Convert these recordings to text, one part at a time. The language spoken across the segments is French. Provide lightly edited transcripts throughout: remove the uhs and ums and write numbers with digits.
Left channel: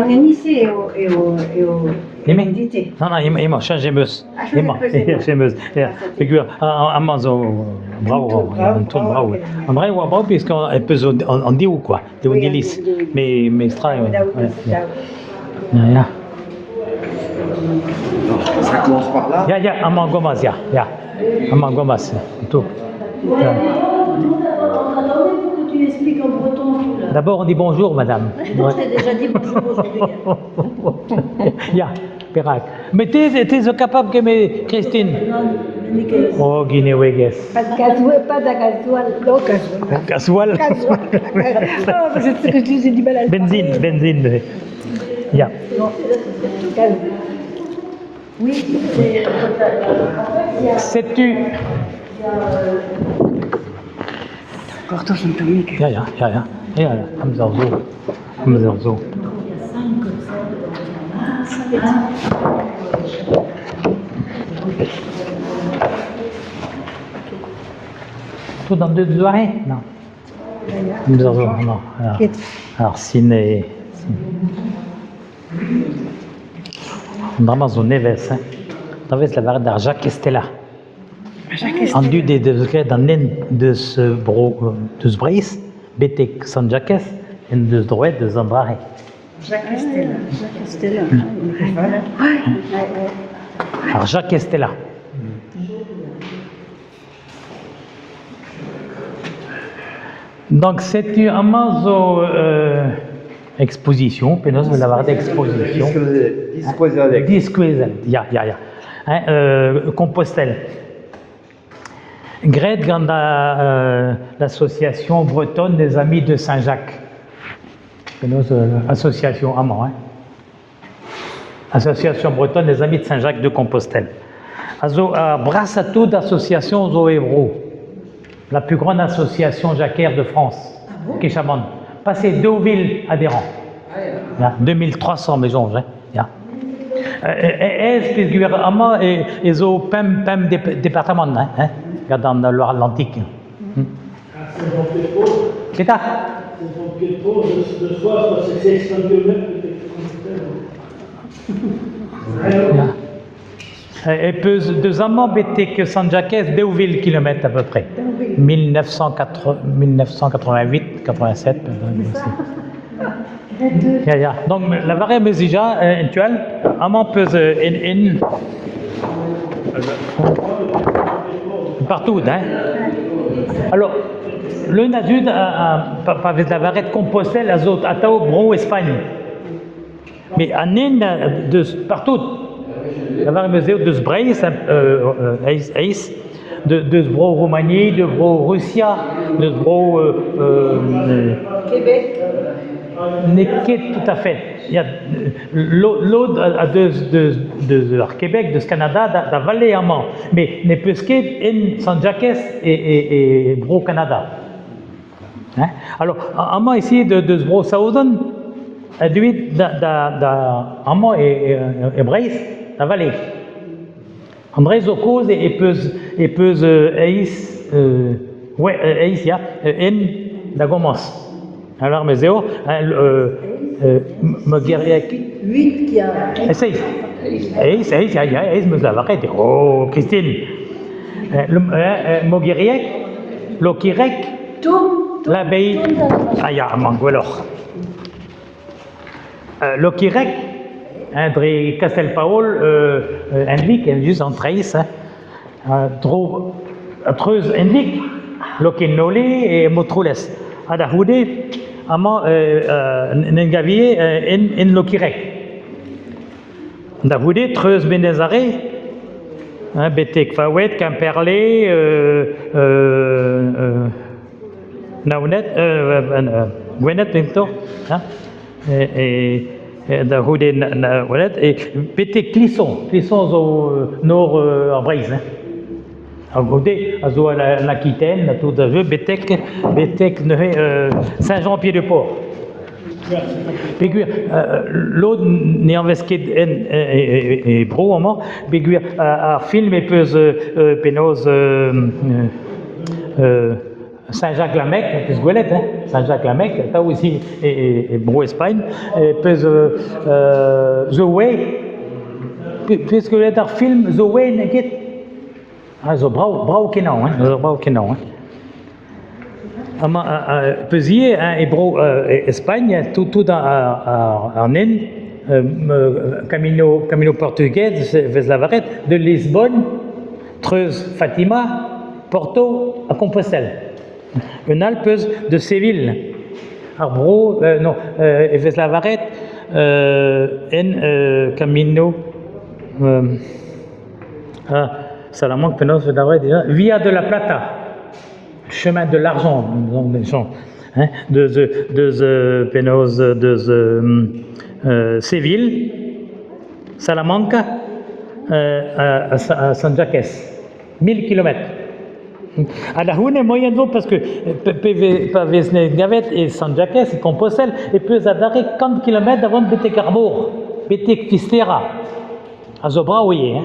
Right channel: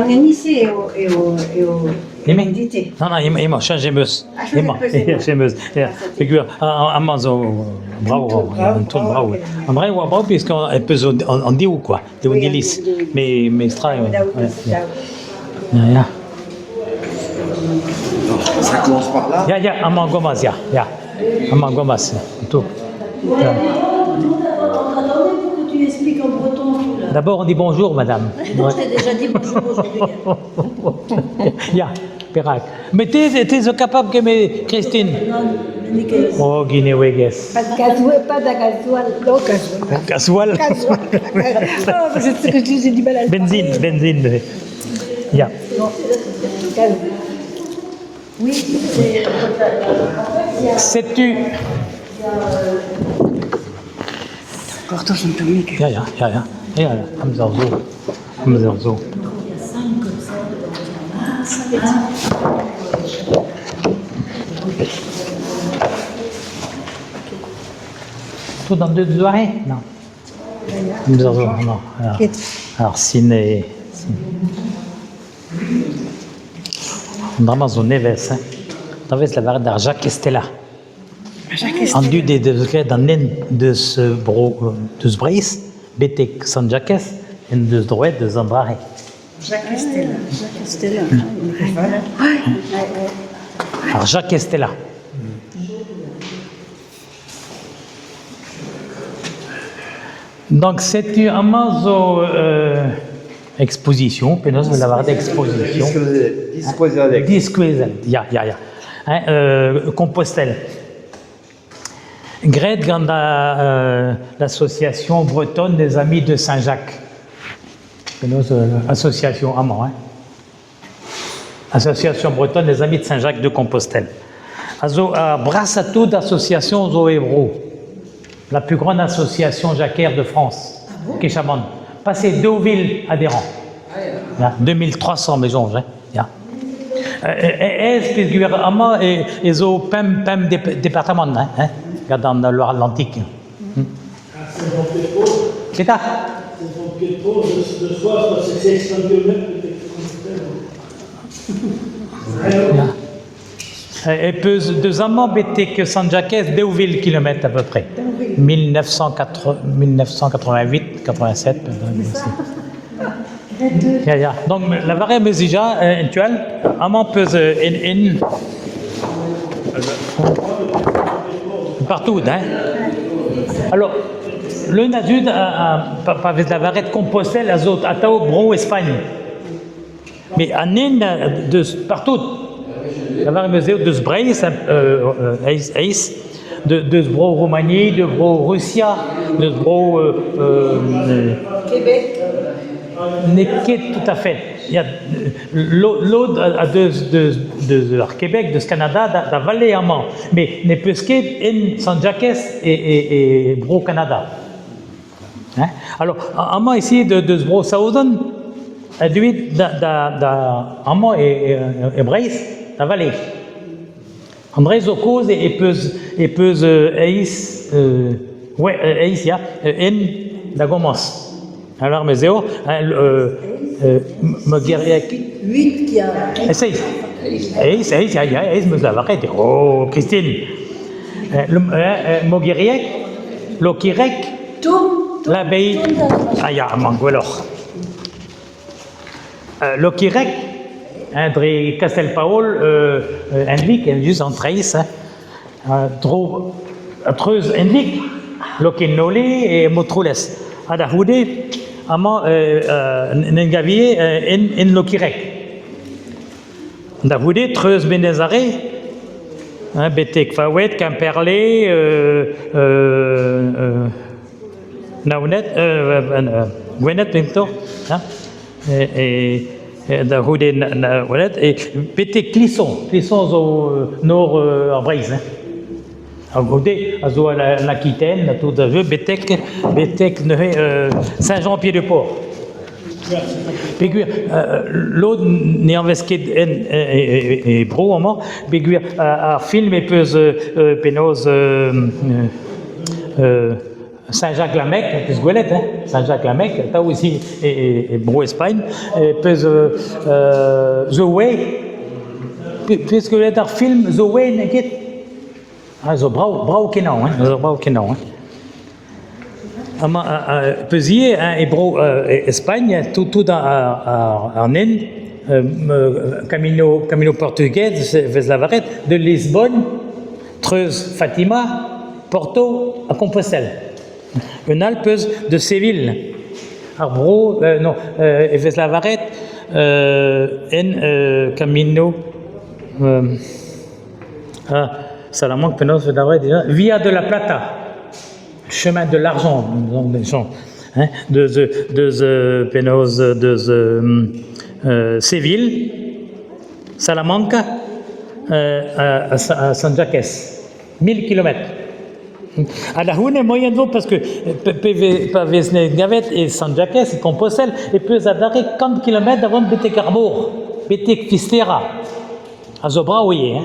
organiser l'identité. Non, ima changemeus. Ima, changemeus. Figure, amazo, bravo, bravo. Bravo, puisqu'on peut en dire ou quoi, de Nilis. Mais extra. Ça commence par là. Ya, amangomas, ya. Amangomas, tout. Tu expliques en breton. D'abord, on dit bonjour, madame. Non, je t'ai déjà dit bonjour aujourd'hui. Ya, Perak. Mais t'es capable que me Christine. Non, mais que... Oh, Guinée-Ouégues. Pas de casual, non, casual. Casual. Oh, c'est ce que j'ai du mal à le Benzine. Ya. Oui, c'est... Sais-tu... Pourtant, je ne peux mieux que... Ya. Hamzarzo. Tout dans deux oreilles? Non. Hamzarzo, non. Alors, Ciné. Dramazo Neves, hein. Neves la varette d'Arjac Estella. En du des degrés d'un nen de ce brace, Betek San Jacques, et de ce droit de Zambrare. Jacques Estella. Alors, Jacques Estella. Donc, c'est une amazo exposition, penos de la varette d'exposition. Disquezel, ya. Compostelle. Gred ganda l'association bretonne des amis de Saint-Jacques. Association amant, hein. Association bretonne des amis de Saint-Jacques de Compostelle. Also Brassato d'association Zoébro, la plus grande association jacquaire de France, Kéchamon. Passé 2 villes adhérents. 2300 maisons, hein. Et zo pem département, hein. Dans le Loire-Atlantique. C'est ça? Et peu de amants bêtés que San Jacques, 2 villes kilomètres à peu près. 1988, 87. Ya. Donc la variable mesija actuelle, amant peut in partout, hein. Alors, le Nadud pas la varette Compostelle, azot, Atao, Bro, Espagne. Mais en de partout, la variette musée de Sbrace, de Bro, Roumanie, de Bro, Russie, de Bro, Québec. N'est tout à fait. Il y a l'autre à de Québec, de ce Canada, de la vallée amant, mais n'est plus qu'en San Jacques et Bro Canada. Hein? Alors, amant ici de ce Bro Saoudon, lui d'amant et Brace, la vallée. André Zocose et Peuse Eis, Eis, ya, en Dagomos. Alors, Mézéo, Mogériec. 8 qui a... Essaye. Eis, me la varette. Oh, Christine. Mogériec, Lokirec, l'abbaye. Aya, Manguelor. Lokirec, André Castelpaol, Henrik, juste en trace, Treuse Henrik, Lokinole et Motroules. Adahoude, Amant Nengavier, en Lokirec. Adahoude, Treuse Benezare, Betek Fawet, Camperlé, Naunet, Gwenet, Pinto, et Adahoude, Naunet, et Betek Clisson au nord en Braise. Agodé, Azo l'Aquitaine, tout de jeu, Betek, Saint-Jean-Pied-de-Port. L'autre n'est invesqué et Bro, Béguir, à film et peuse pénose Saint-Jacques-la-Mecque, plus Gouelet, hein, Saint-Jacques-la-Mecque, t'as aussi, et Bro Espagne, puis The Way, puisque le film The Way n'est ah, zo brau kenau, hein, zo brau kenau, hein. Pezier, hein, et Bro Espagne, tout en Inde, Camino portugais, vers la Varette, de Lisbonne, Treuse, Fatima, Porto, à Compostelle. Un Alpes de Séville, Arbro, non, vers la Varette, en Camino, Salamanque, Penos, vers la Varette, Via de la Plata, chemin de l'argent, hein, de Penos, de Séville, Salamanque, à San Jacques, 1000 km. À la Houne, moyen d'eau, parce que Pavesne Gavet et San Jacques, et Compostelle, et puis à d'arrêt 40 km avant Bété Carbour, Bété Fistera, à Zobra, oui, hein.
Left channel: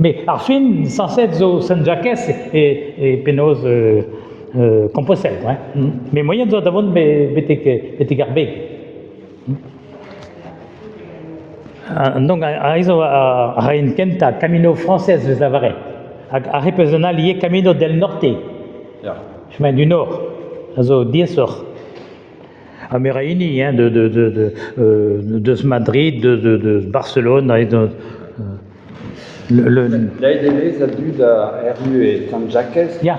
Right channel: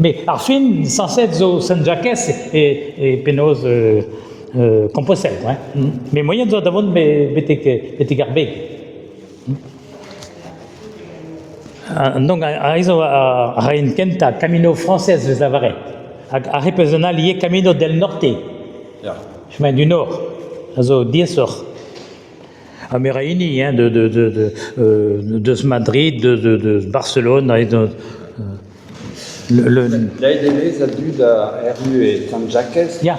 Mais Arfin, censé être San Jacques et Penos Compostelle, hein. Mais moyen d'eau d'avant Bété Garbé. Donc, à une Kenta, Camino française, les Avarais. À représenter lié Camino del Norte, chemin du Nord, also 10 heures. À Meraini, hein, de Madrid, de Barcelone, L'ADV, ça dû à RU et San Jacques. Ja.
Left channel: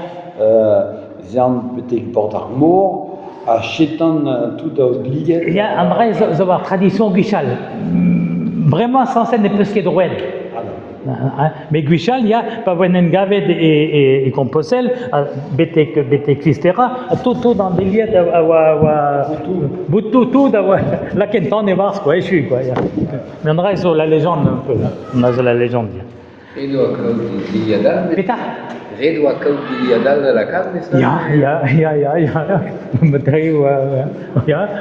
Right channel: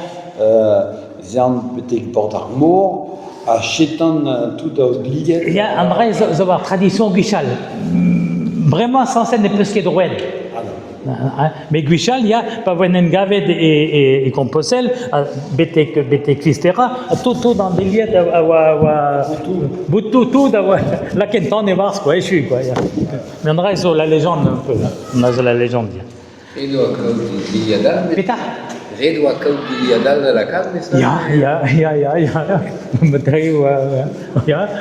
Zern betek Port Armor, à Chétan tout au Gliet. Il y a un vrai tradition guichal. Vraiment censé ne plus que de Rouen. Mais Guichal, il y a Pavoinen Gaved et Compostelle, Bété Christera, tout dans des lieux tout d'avoir la Kenton et Vars, quoi, et je suis, quoi. Mais on reste sur la légende un peu, hein. On a sur la légende. Pétard. Redua Caudilianal de la carne, Ja,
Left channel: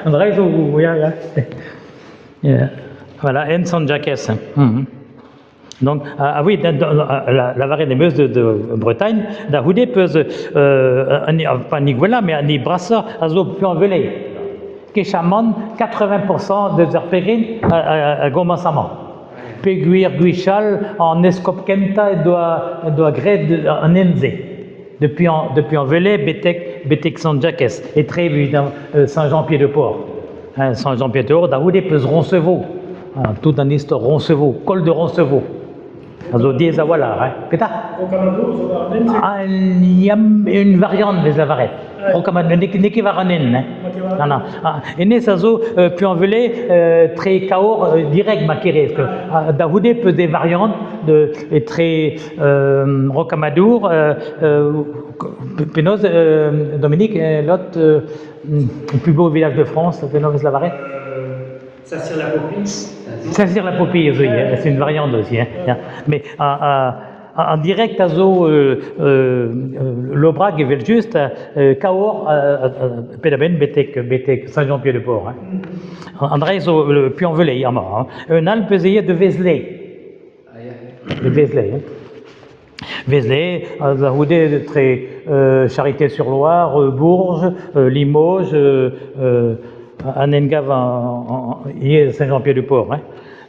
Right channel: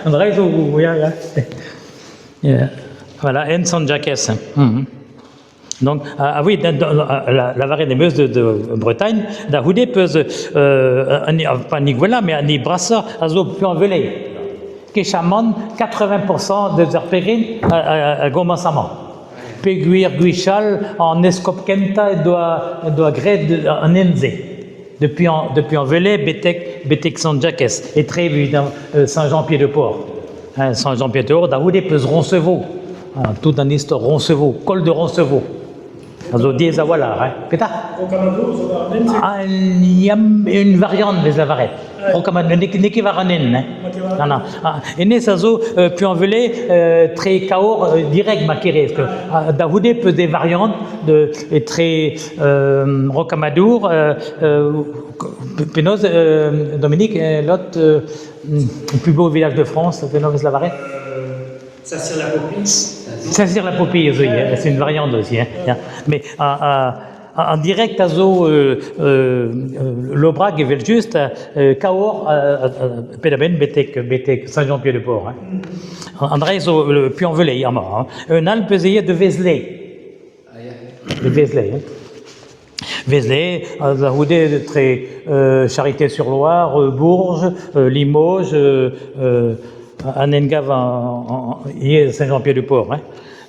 on reste sur, ja. Voilà, en San Jacques. Donc, oui, la Varenne des Meuse de Bretagne, d'Ahoudé peut, pas Niguela, mais à Brassa, à Zo-Puanvelé, qui chamande 80% des arpérines à Gomassaman. Péguir, Guichal, en Escopkenta, doit gré en Enze. Depuis Envelé, Bétek San Jacques, et très évidemment Saint-Jean-Pied-de-Port. Saint-Jean-Pied-de-Port, d'Ahoudé peut Roncevaux. Tout dans l'histoire, Roncevaux, col de Roncevaux. Also, diese voilà, hein. Pétard. Il y a une variante des Avarettes. Niki Varanen, hein. Non. Et né, ça zo, puis envelé, très kaor, direct, maquéré. Dahoudé peut des variantes, et très rocamadour, Pénose, Dominique, l'autre, le plus beau village de France, Pénose la Varette. Saint-Cyr-la-Popille, oui, c'est une variante aussi. Hein. Mais en direct, à Zo, l'Aubrac et juste, Cahors, Pédaben, Bétek, Saint-Jean-Pied-de-Port. André, le Puy-en-Velay, un Alpe de Vézelay. De Vézelay. Vézelay, Zahoudé, très Charité-sur-Loire, Bourges, Limoges, Anengav, Saint-Jean-Pied-de-Port.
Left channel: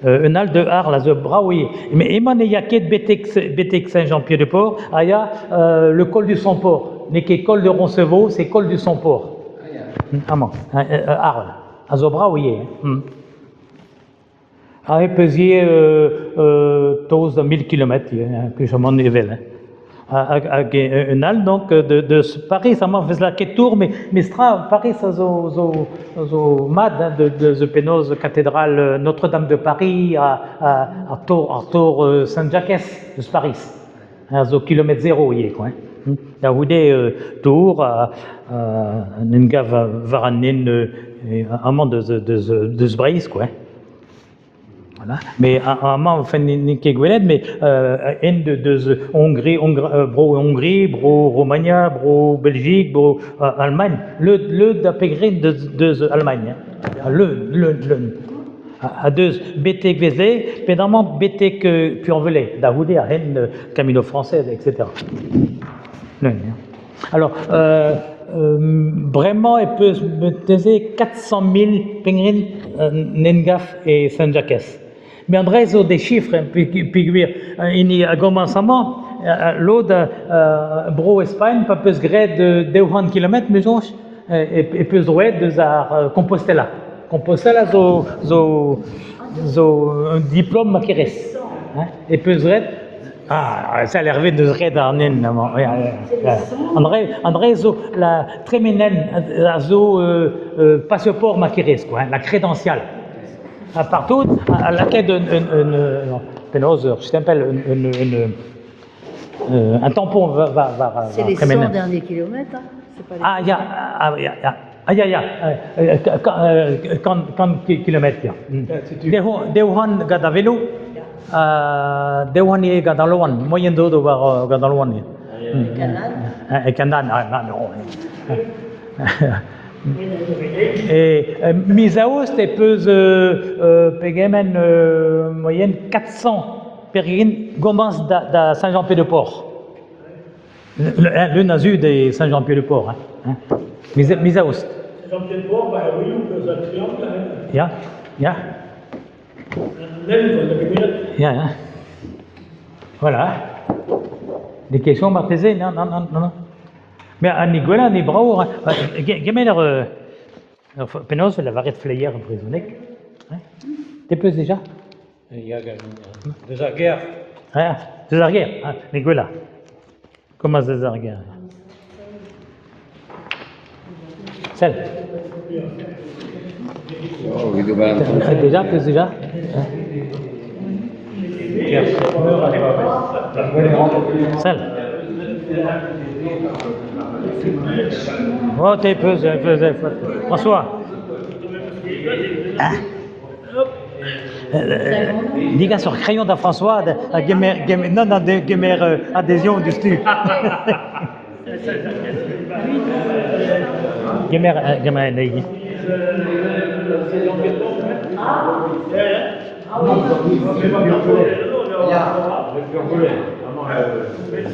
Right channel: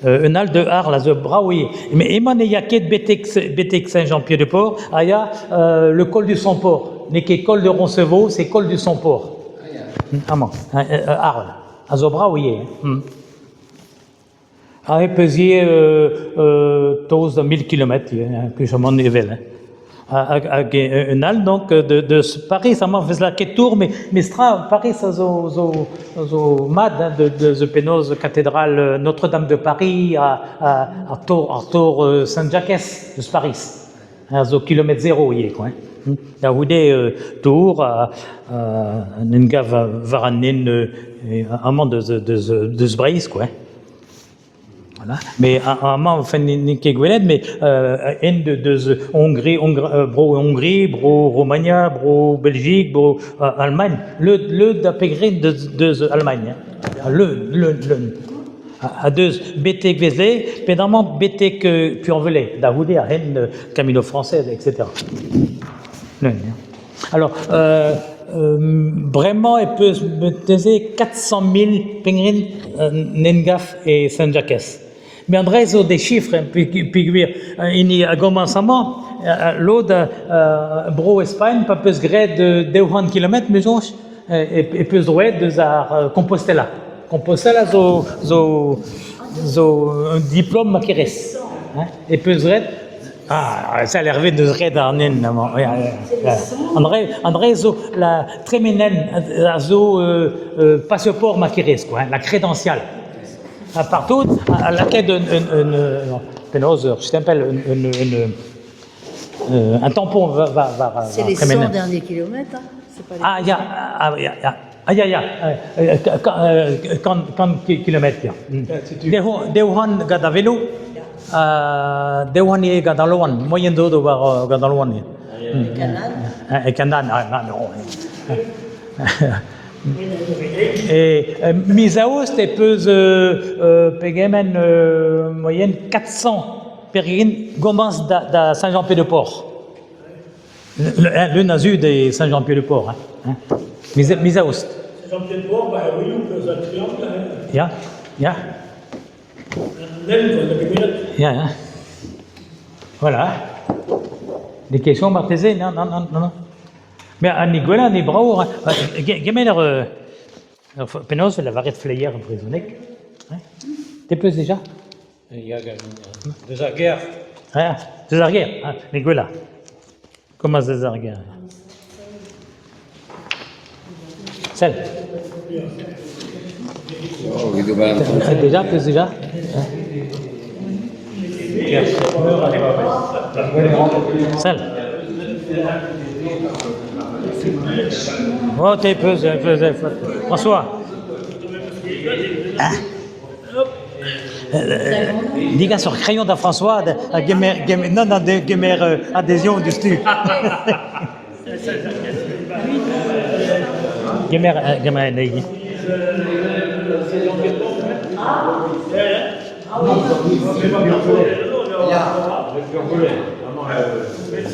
Un al de Arles, à Braouillet. Mais Eman et Yaket Bétek Saint-Jean-Pied-de-Port, il y a le col du Somport. N'est que col de Roncevaux, c'est col du Somport. Arles, à Braouillet. Avec Pézier, tous 1000 km, que je m'en éveille. Un al donc de Paris, ça m'a fait la quête tour, mais stra Paris, ça zo mad de Pénose cathédrale Notre-Dame de Paris à Tour Saint-Jacques de Paris, à zo kilomètre zéro y est quoi. Là où des tours à Nenga Varanen amant de Sbraïs quoi. Voilà. Mais à un fait niqué Gweled, mais de Hongrie, bro Romagna, bro Belgique, bro Allemagne, le d'apégrin de Allemagne, à deux Bétek Vézelay, pédalement Bétek Puy-en-Velay, d'Ahoudé, à Rennes, Camino français, etc. Alors, vraiment, il peut me peser 400 000 pingrin Nengaf et Saint-Jacques. Mais André, ils ont des chiffres, puis il y a commencement, l'autre, Bro Espagne, pas plus gré de 200 km, mais et plus droit de Compostela. Compostela, un diplôme qui reste. Et plus droit, ça a l'air de se dans André, la tréminelle, passeport maqueres, quoi, la crédentiale. Partout, à laquelle je t'appelle un tampon va c'est les 100 derniers kilomètres, hein? Quand kilomètres, Deuhan gada vélo, Deuhan il gada loin, moyen d'eau gada loin. Et Canaan, non. Et Misaos, tu peux payer moyenne 400 pérines commence de Saint-Jean-Pied-de-Port. Le nazu de Saint-Jean-Pied-de-Port. Misaos. Saint-Jean-Pied-de-Port, oui, c'est un triangle. Voilà. Des questions m'a posé? Non. Mais à Niguela, les bras, gamin, Penos, la varette flayer emprisonnée. T'es plus déjà? Il y a des arguères. Des arguères, Niguela. Comment des arguères? Celle. Déjà, plus déjà? Celle. Oh, t'es peu, François. Les gars sur crayon d'un François, non, adhésion du stu. Gamer,